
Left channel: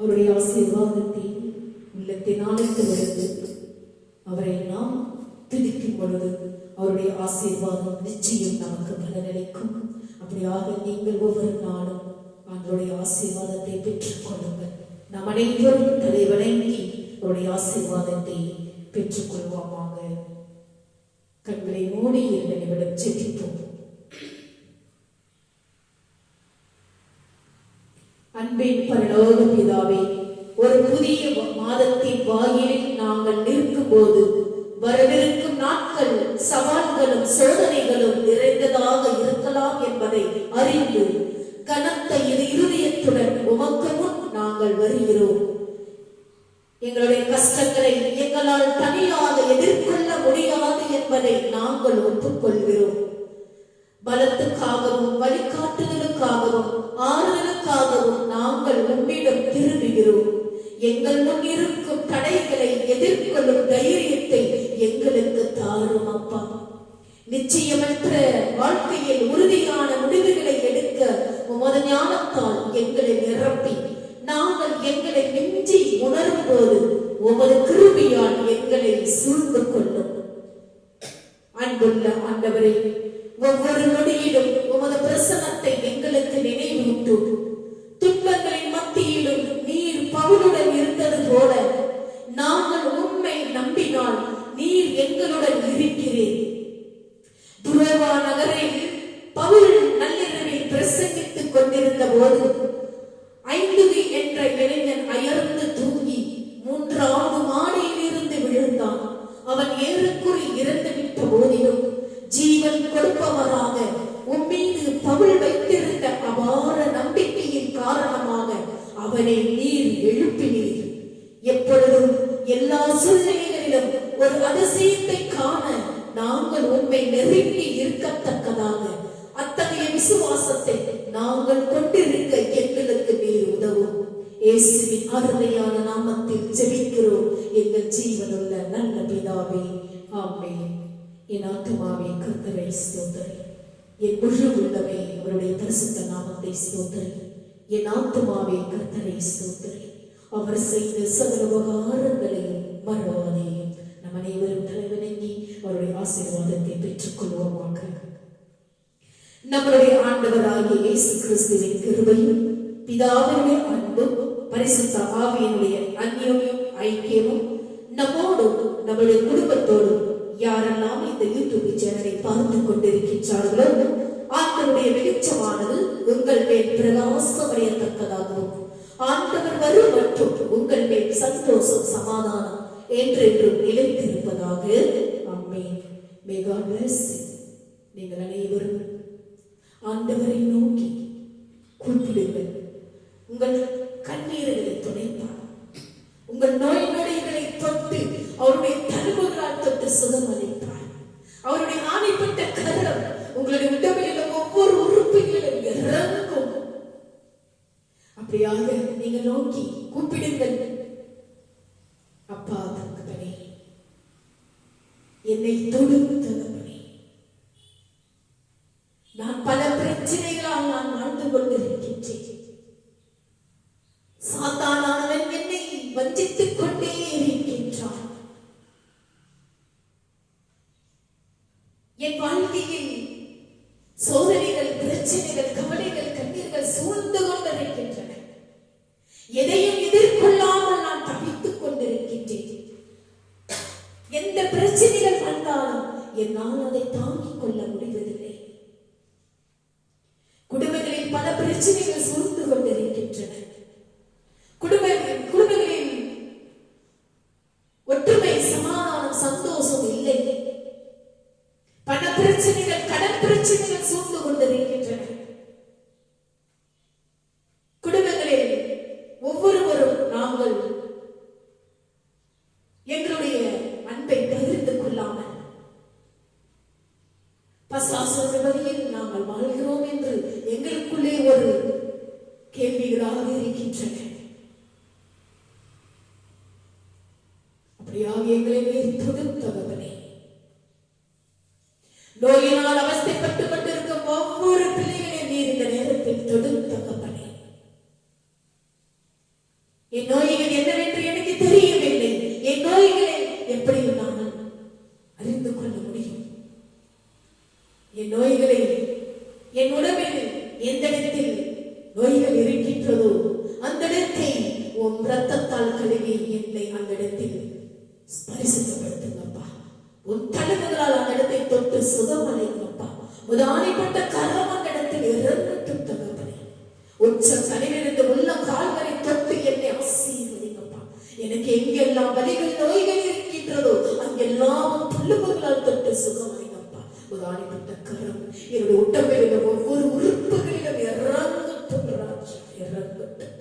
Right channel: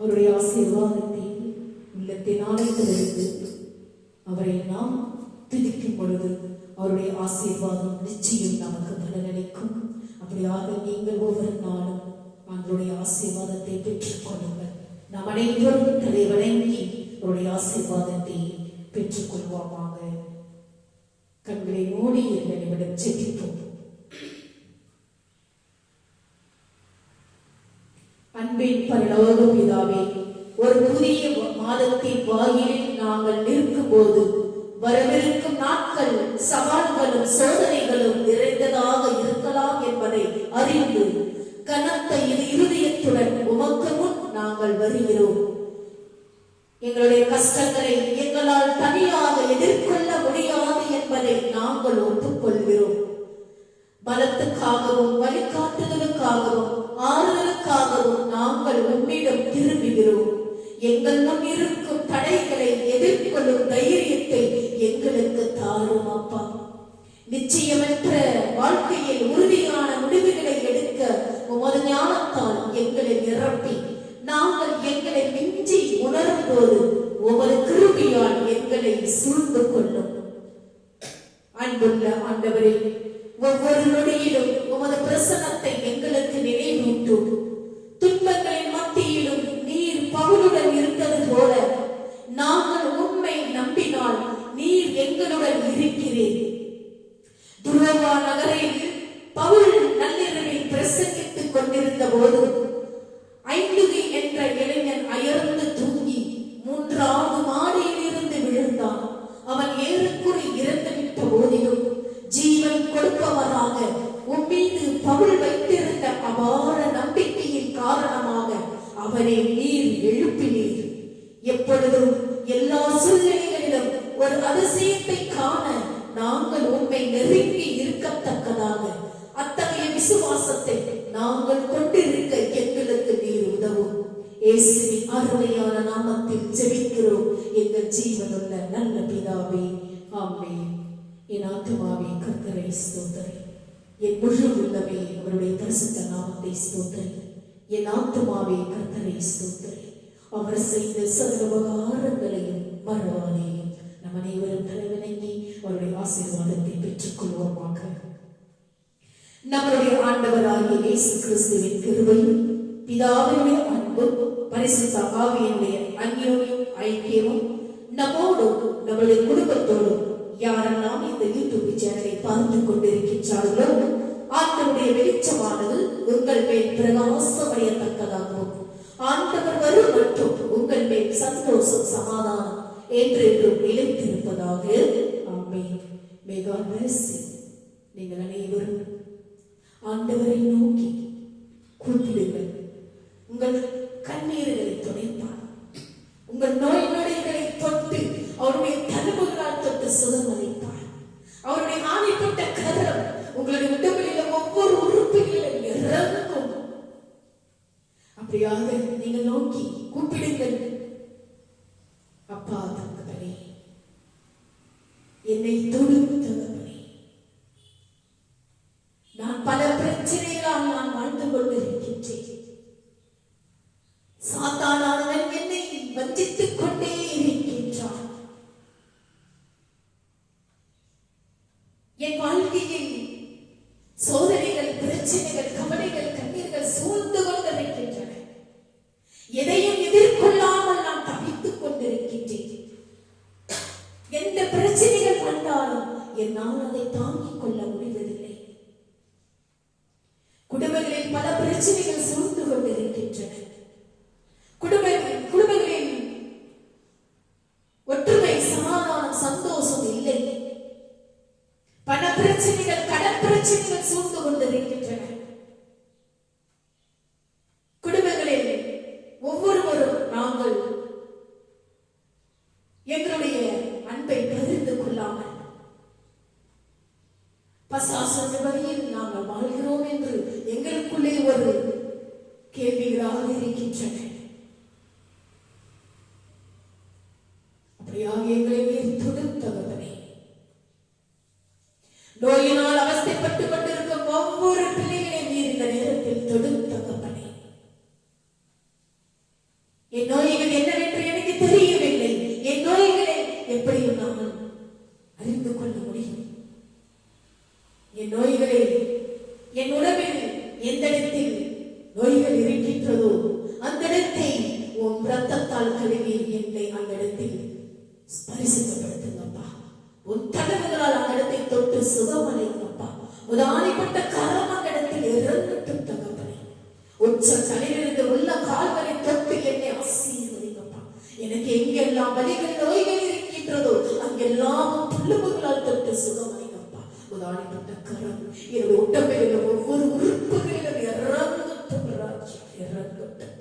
அவருடைய ஆசீர்வாதத்தை உள்ளத்தின் ஆழத்திலிருந்து அவரை நாம் துதிக்கும் பொழுது அவருடைய ஆசீர்வாதம் நிச்சயம் நமக்கு பலனளிக்கும். அப்படியாக நீங்கள் ஒவ்வொரு நாளும் அவருடைய ஆசீர்வாதத்தை பெற்றுக் கொள்ளுங்கள். நாம் அனைவரும் தலை வணங்கி அவருடைய ஆசீர்வாதத்தை பெற்றுக் கொள்வோமாக. கண்களை மூடி என்னிடம் செபிப்போம். அன்பின் பரலோக பிதாவே, ஒரு புதிய மாதத்தின் வாயிலில் நாங்கள் நிற்கும் போது வரவிருக்கும் நாட்கள் சவால்களும் சோதனைகளும் நிறைந்ததாக இருக்கலாம் என்பதை அறிந்து கனத்த இருதயத்துடன் உமக்கு முன் நாங்கள் வருகிறோம். எங்களுடைய கஷ்டங்களை எங்களால் தனியாக எதிர்கொள்ள முடியாது என்பதை நாங்கள் ஒப்புக்கொள்கிறோம். பலத்துக்காகவும் வழிகாட்டுதலுக்காகவும் ஆறுதலுக்காகவும் நாங்கள் உன்னிடம் திரும்புகிறோம். எங்கள் முன் இருக்கும் தடைகளை எதிர்கொள்ளும் தைரியத்தை எங்களுக்கு தாரும் அப்பா. நிச்சயமற்ற வாழ்க்கையில் உறுதியான முடிவுகளை எடுக்க உமது ஞானத்தால் எங்களை நிரப்பி நாங்கள் எங்களை மிஞ்சி உணரும் போது உமது கிருபையால் எங்களை சூழ்ந்து கொள்ளும். அன்புள்ள ஆண்டவரே, ஒவ்வொரு நொடியிலும் உமது பிரசன்னத்தை எங்களுக்கு நினைவூட்டும். துன்பங்களின் மத்தியிலும் நீர் பவுலுடன் இருந்தது போல நாங்கள் உண்மை நம்பினால் நீர் எங்களுடன் இருக்கிறீர். துரோவா நகரில் பவுல் நள்ளிரவில் பிரசங்கித்துக் கொண்டிருந்த போது ஐந்துவி என்ற இளைஞன் அயர்ந்து தூங்கி 3வது மாடியிலிருந்து விழுந்தான். அவன் ஏறக்குறி இறந்துவிட்ட போதிலும் ஜீவன் கொடுப்பவராக உம்மீது பவுல் வைத்திருந்த அபார நம்பிக்கையின் காரணமாக அவனை நீர் எழுப்பினீர். எப்பொழுதும் எல்லா சூழ்நிலைகளிலும் ஒரு அதிசயத்தை காண நாங்கள் உண்மை நெருங்கி இருக்கத்தக்கதாக அத்தகைய விசுவாசத்தை நாங்கள் கொண்டிருக்க எங்களுக்கு நீர் உதவும். இயேசுவின் அருமையான நாமத்தில் ஜெபிக்கிறோம் எங்கள் ஜீவனுள்ள நல்ல பிதாவே, ஆமென். என் ஆத்துமாவே கர்த்தரை ஸ்தோத்திரி, என் முழு உள்ளமே அவருடைய பரிசுத்த நாமத்தை ஸ்தோத்திரி. என் ஆத்துமாவே கர்த்தரை ஸ்தோத்திரி, அவர் செய்த சகல உபகாரங்களையும் மறவாதேயும். நம் அனைவரும் தலைவணங்கி அவருடைய ஆசீர்வாதத்தை பெற்றுக் கொள்வோமாக. நம்முடைய ஆண்டவராகிய இயேசு கிறிஸ்துவின் கிருபையும் பிதாவினுடைய அன்பும் பரிசுத்த ஆவியினுடைய அந்யோன்யம் ஐக்கியமும் நம்மோடும் நம்முடைய குடும்பத்தோடும் யாரெல்லாம் இந்த யூடியூப் சேனலை பார்த்து கொண்டிருக்கின்றார்களோ ஆண்டவருடைய வெளிச்சமானது உங்கள் மேல் பிரகாசமடையத்தக்கதாகவும் ஆண்டவர் வரும் மற்றும் உங்கள் மேல் சந்தோஷம் சமாதானம் என்றென்றும் நிலைத்திருப்பதாக. ஆமென். May God bless you. நீங்கள் அனைவரும் ஆண்டவரை நோக்கி கூப்பிடுங்கள். உங்கள் கண்ணீர்களை துடைப்பார். உங்கள் நோய் நொடிகளை தொட்டு அவருடைய தழும்புகளால் தொட்டு சுகமளிப்பார். அவருடைய ஆணைப்பட்ட கரம் உங்களுடைய உடலில் ஒவ்வொரு உறுப்புகளிலும் இறங்கும். அப்படியாக நீங்கள் நோக்கி கூப்பிடுங்கள். அப்பா தகப்பனே, என்னை தொடும் தகப்பனே, நான் பல பிரச்சனைகளால் நான் வாழ்ந்து கொண்டிருக்கின்றேன். சாத்தானானவன் என்னை வஞ்சித்துக் கொண்டே இருக்கின்றான். என் வாழ்க்கையில் சோதனைகள், பிரச்சனைகள், கவலைகள், கண்ணீர்கள் சூழ்ந்து கொண்டிருக்கின்றன. எதையும் எதிர்கொள்ளாமல் நான் தவித்துக் கொண்டிருக்கின்றேன். எந்த பிரச்சனைகள் வந்தாலும் என்னால் அதை தாங்கிக் கொள்ள முடிவதில்லை. குடும்பங்களில் பல பிரச்சனைகள் சூழ்ந்து கொண்டிருக்கின்றன. குடும்பங்களில் ஒற்றுமை, சமாதானம், சந்தோஷம் இல்லை. பல பிரச்சனைகள், கடன் பிரச்சனைகள் சூழ்ந்து கொண்டிருக்கின்றன. குடும்பங்களில் ஒவ்வொருவரும் நாங்கள் எங்களுடைய அன்பை பகிர்ந்து கொள்ளாமல் பசாசன வழியில் நாங்கள் வாழ்கிறோம் என்று எங்களுக்குள்ளே ஒரு கேள்விகளாக இருக்கின்றன. அப்படியாக எங்களை தொடும் தகவலே, நோயினால் அவஸ்தைப்பட்டுக் கொண்டிருக்கும் ஒவ்வொரு பிள்ளைகளை நீர் இந்த நேரத்தில் தொடும் தகப்பனே. என் நோய்கள் என்னவென்று எனக்கு தெரியவில்லை. என் நோய்களை எப்படியும் நான் அறிந்து கொள்ள முடியும். என் நோய்களை, என் உடம்பில் எந்த இடத்தில் நோய்கள் இருக்கின்றதோ அந்த இடத்தை உன் ரத்தத்தால் கழுவி என்னை அந்த இடத்தில் பரிசுத்தப்படுத்துங்கப்பா. உன் தழுவுகளால் அந்த இடத்தை தொட்டு சுகமடைங்கப்பா. உதாரிப்பட்ட கரம் அந்த இடத்தில் இறங்கட்டும் தகப்பனே. உச்ச தலையிலிருந்து உள்ள கால்வரை தொட்டு என்னை ஆசீர்வதிங்கப்பா. எனக்கு எங்கெல்லாம் வலிகள், நோய்கள் இருக்கின்றதோ அங்கெல்லாம் தழுவுகளால் தொட்டு சுகமடைங்கப்பா. உதாரிப்பட்ட கரம் என்னுடைய உடம்பில் உள்ள ஒவ்வொரு உறுப்புகளிலும் இறங்கட்டும் ராஜா, இறங்கட்டும்.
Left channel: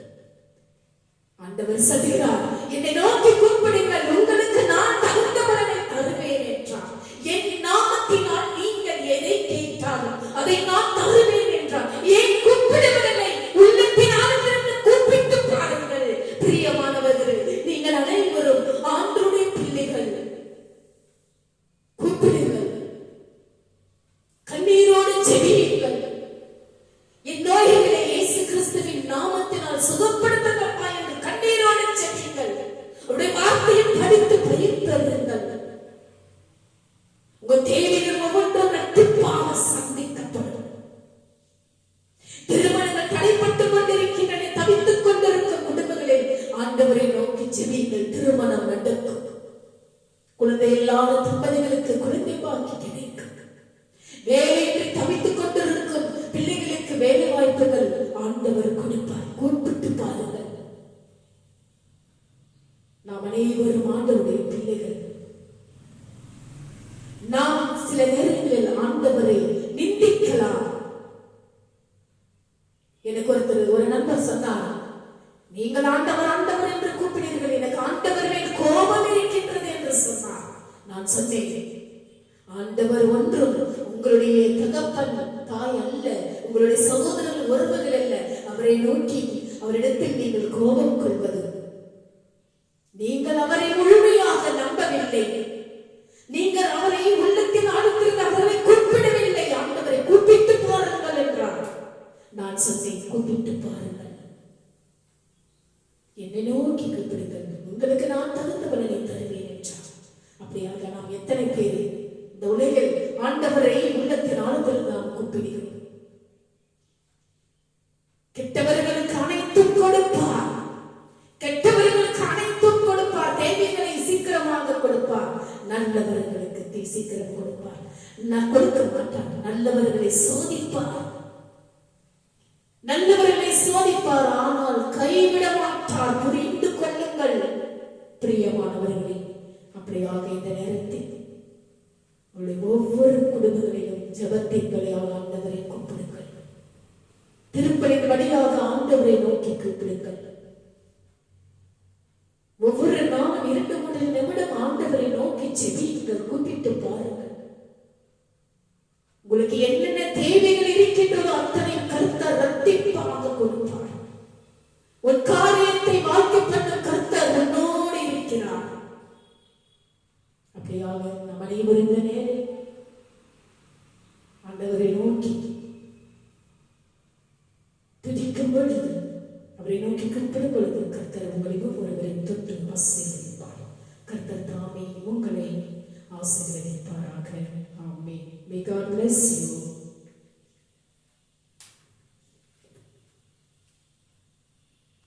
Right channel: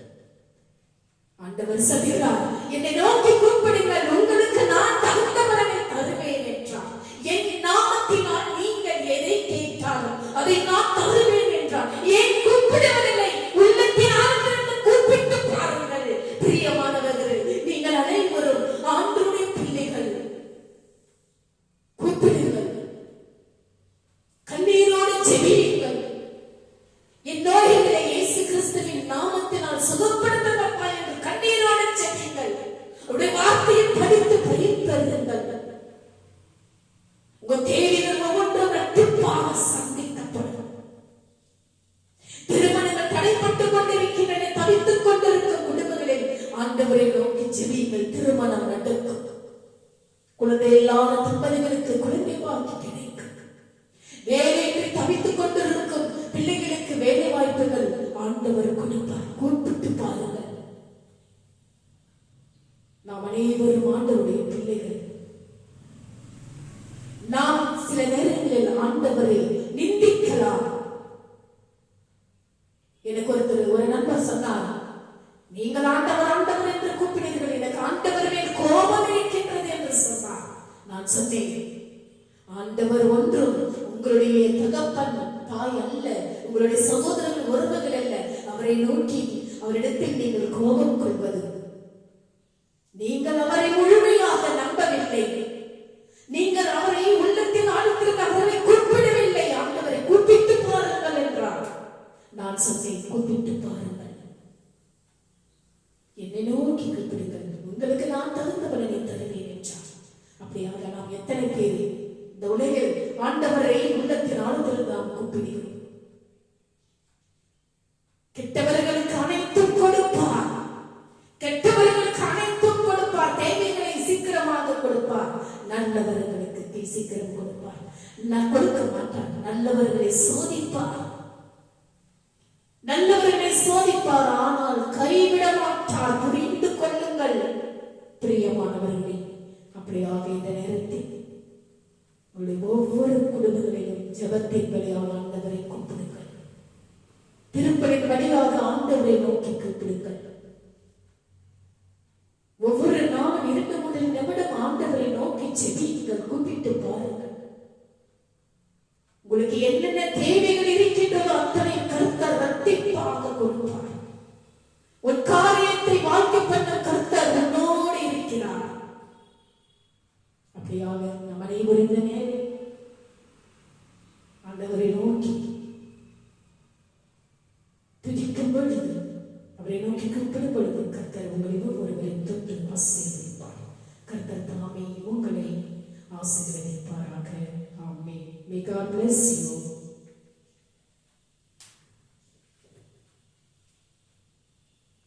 ஆண்டவர் சொல்கிறார், என்னை நோக்கி கூப்பிடுங்கள், உங்களுக்கு நான் தகுந்த பலனை தருவேன் என்றார். என் நாமத்தினால் நீங்கள் எதை கேட்டாலும் அதை நான் தருவேன் என்றார். ஏன் கூப்பிடுவதில்லை? உள்ளத்தின் ஆழத்திலிருந்து கூப்பிட்டு பாருங்கள். பிரியமானவர்கள், நீங்கள் அனைவரும் ஆண்டவருடைய பிள்ளைகள். கூப்பிடுங்கள். உங்க தேவைகள் ஒவ்வொன்றும் இரட்டிப்பாக சந்திக்கப்படும். திருமணங்கள் தடைப்பட்டுக் கொண்டிருக்கின்றன, தவித்துக் கொண்டிருக்கும் குடும்பங்களில் ஆண்டவரை நோக்கி ஜெபியுங்கள். திருமணம் நடக்கும். குழந்தை இல்லாத தம்பதிகளுக்கு குழந்தை பாக்கி கிடைக்கும். வேலைக்கு தவித்துக் கொண்டிருக்கும் பிள்ளைகளுக்கு வேலை வாய்ப்புகள் ஆண்டவர் கொடுப்பார். கூப்பிட்டு பாருங்கள். நாம் அனைவரும் ஆண்டவருடைய பிள்ளைகள். நாம் சில நேரங்களில் ஆண்டவரை நிந்திக்கலாம். எனக்கு ஒரு நண்பர் சொன்னார், நீங்கள் ஆண்டவர் ஆண்டவர் என்று கூப்பிடுகிறீர்கள், எனக்கு ஆண்டவரே கோபம் இருக்கின்றது என்று சொன்னார். நான் சொன்னேன், ஆண்டவர் ஒன்றும் உங்களுடைய தகப்பன் தாய் அல்ல, உங்களுடைய சகோதரர்கள் உறவுகள் அல்ல. அவரை நோக்கி அவரிடத்தில் நீங்கள் கோபம் கொள்வது, நீங்கள் அவரை முழுமையாக நம்பவில்லை, நீங்கள் அவரை உள்ளத்தில் ஆழ்த்திருந்த அவரை கூப்பிடவில்லை. ஆண்டவரை கூப்பிட்டு பாருங்கள் என்றார். நான் சொன்னேன், கூப்பிட்டு பாருங்கள், என்னை நோக்கி கூப்பிடுங்கள், உங்களுக்கு நான் தகுந்த பலனை தருவேன் என்றார். அப்படியாக நாம் எத்தனை பேர் இந்த உலகில் ஆண்டவரை உள்ளத்தின் ஆழத்தில் நாம் கூப்பிடுகிறோம்? கெட்டவர்களுக்கு அனைத்தும் கொடுப்பார், கெட்டவர்களுக்கு அனைத்தும் கொடுப்பார், தேவைகளை சீக்கிரமாக கொடுப்பார், நல்லவர்களுக்கு சீக்கிரம் கொடுப்பார். நான் கொடுக்க மாட்டார், நல்லவர்களை சோதிப்பார், நல்லவர்களை சோதிப்பார், ஆனால் கைவிட மாட்டார். புரிந்து கொள்ளுங்கள் பிரியமானவர்களே. அப்படியாக இந்த நேரத்தில் ஒவ்வொரு குடும்பங்களிலும் ஜெபத்தின் வழியாக ஆண்டவரை கூப்பிடுங்கள். திருப்பலின் வழியாக ஆண்டவரை நோக்கி கூப்பிடுங்கள். ஒவ்வொரு நாளும் 2 நிமிடம் ஆண்டவரை நோக்கி ஜெபியுங்கள். கூப்பிட்டு பாருங்கள். உங்களுக்கு என்னென்ன தேவைகள் இருக்கின்றதோ அத்தனை கர்த்தர் இரட்டிப்பாக கொடுப்பார். உன் காரியத்தை வாழ்க்கை பண்ண கர்த்தர் உன்னோடு இருக்கிறார். அப்படியாக நம் அனைவரும் இந்த நேரம் ஆண்டவரை நோக்கி துதிக்கும் பொழுது, அவரை நோக்கி கூப்பிடும் பொழுது கர்த்தர் உங்களை ஒவ்வொருவரை தொட்டு ஆசீர்வதிப்பார். கர்த்தர் தாமே உங்களை ஆசீர்வதிப்பாராக. ஆமென். May God bless you.